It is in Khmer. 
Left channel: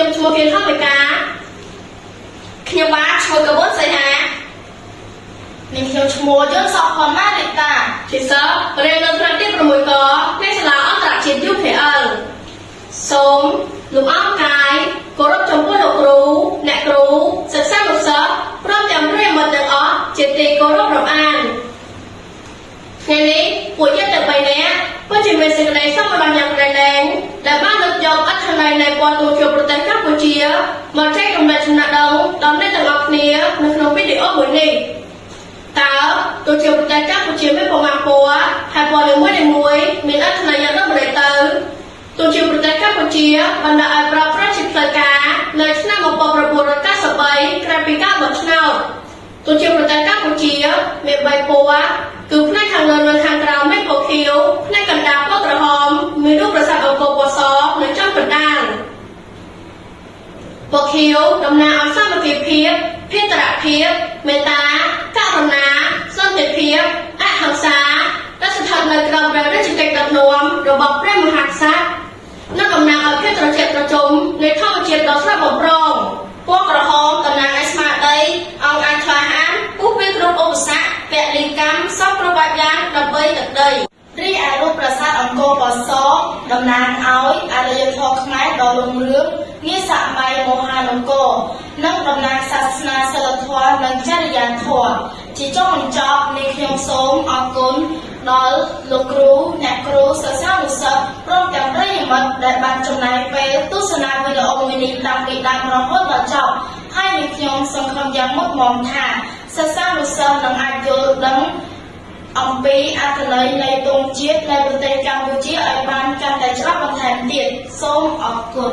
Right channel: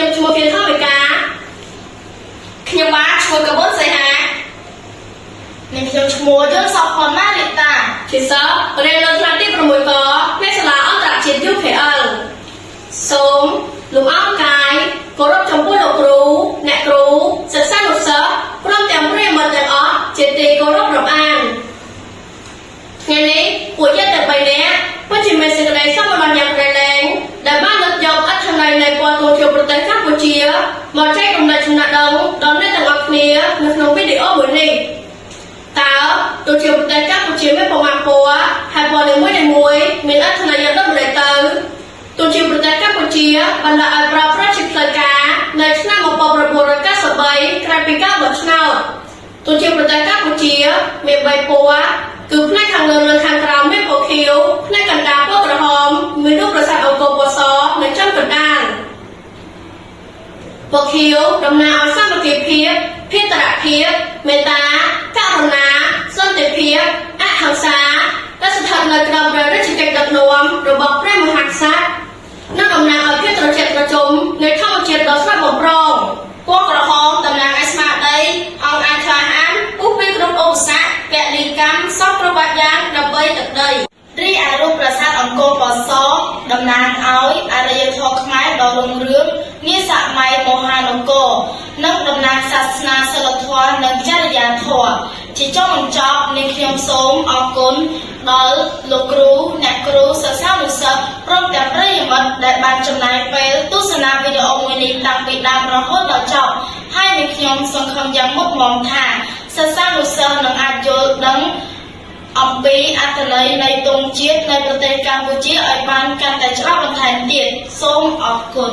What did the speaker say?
ខ្ញុំឈ្មោះគៀនថវិកាខ្ញុំបាទឈ្មោះកបួនសីហានិងខ្ញុំឈ្មោះយល់សផនណាលីតាជាសិស្សរៀននៅថ្នាក់ទី6កនៃសាលាអន្តរជាតិ UPL សូមលោកអង្គកាយគោរពចំពោះលោកគ្រូអ្នកគ្រូសិស្សានុសិស្សព្រមទាំងប្រិយមិត្តទាំងអស់ជាទីគោរពរាប់អានថ្ងៃនេះពួកយើងទាំង3នាក់ពិតជាមានសេចក្តីសុខម្ដងយ៉ាងក្រៃលែងដែលបានលើកយកអត្ថន័យនៃពណ៌ទូជាប្រទេសកម្ពុជាមកចែករំលែកចំណេះដឹងដល់អ្នកទាំងអស់គ្នានៅក្នុងវីដេអូមួយនេះតើទូជាប្រទេសកម្ពុជាមានប្រមាណពណ៌ហើយពណ៌នីមួយៗមានអត្ថន័យយ៉ាងដូចម្តេចទៅទូជាប្រទេសកម្ពុជាបានដាក់ឲ្យប្រើប្រាស់ជាផ្លូវការនៅឆ្នាំ1993ក្រោយពីការបោះឆ្នោតទូជាប្រទេសកម្ពុជាមាន3ពណ៌គឺផ្នែកខាងលើនិងខាងក្រោមមានពណ៌ខៀវផ្នែកកណ្ដាលពណ៌ក្រហមមានរូបប្រាសាទអង្គរពណ៌សនៅចំកណ្ដាលពណ៌ខៀវតំណាងឲ្យសាមគ្គីភាពភេរភាពមេត្តាករុណាសន្តិភាពអហិង្សាដែលស្ថិតនៅក្រោមព្រះរាជកិច្ចដឹកនាំរបស់ព្រះមហាក្សត្រនិងតំណាងឲ្យភាពត្រជាក់ត្រជុំនៃធម្មជាតិដ៏ស្រស់បំព្រងពណ៌ក្រហមតំណាងឲ្យស្មារតីអង្គអាក្លាហានពុះពីគ្រប់ឧបសគ្គពលីកម្មសពគ្រប់បែបយ៉ាងដើម្បីទឹកដីរីឯរូបប្រាសាទអង្គរពណ៌សតំណាងឲ្យអរិយធម៌ខ្មែរដ៏រុងរឿងនាសម័យមហានគរនិងតំណាងសាសនាសិលធម៌និងចរិយាធម៌ជាចុងបញ្ចប់នេះខ្ញុំសូមអរគុណដល់លោកគ្រូអ្នកគ្រូសិស្សានុសិស្សព្រមទាំងប្រិយមិត្តដែលបានចំណាយពេលទស្សនាវីដេអូមួយនេះតាំងពីដើមរហូតដល់ចប់ហើយនេះខ្ញុំសង្ឃឹមយ៉ាងមុតមមថាសិស្សានុសិស្សនឹងអាចយល់ដឹងអំពីអត្ថន័យនៃទង់ជាតិនៃប្រទេសកម្ពុជាឲ្យបានកាន់តែច្បាស់បន្ថែមទៀតសូមអរគុណ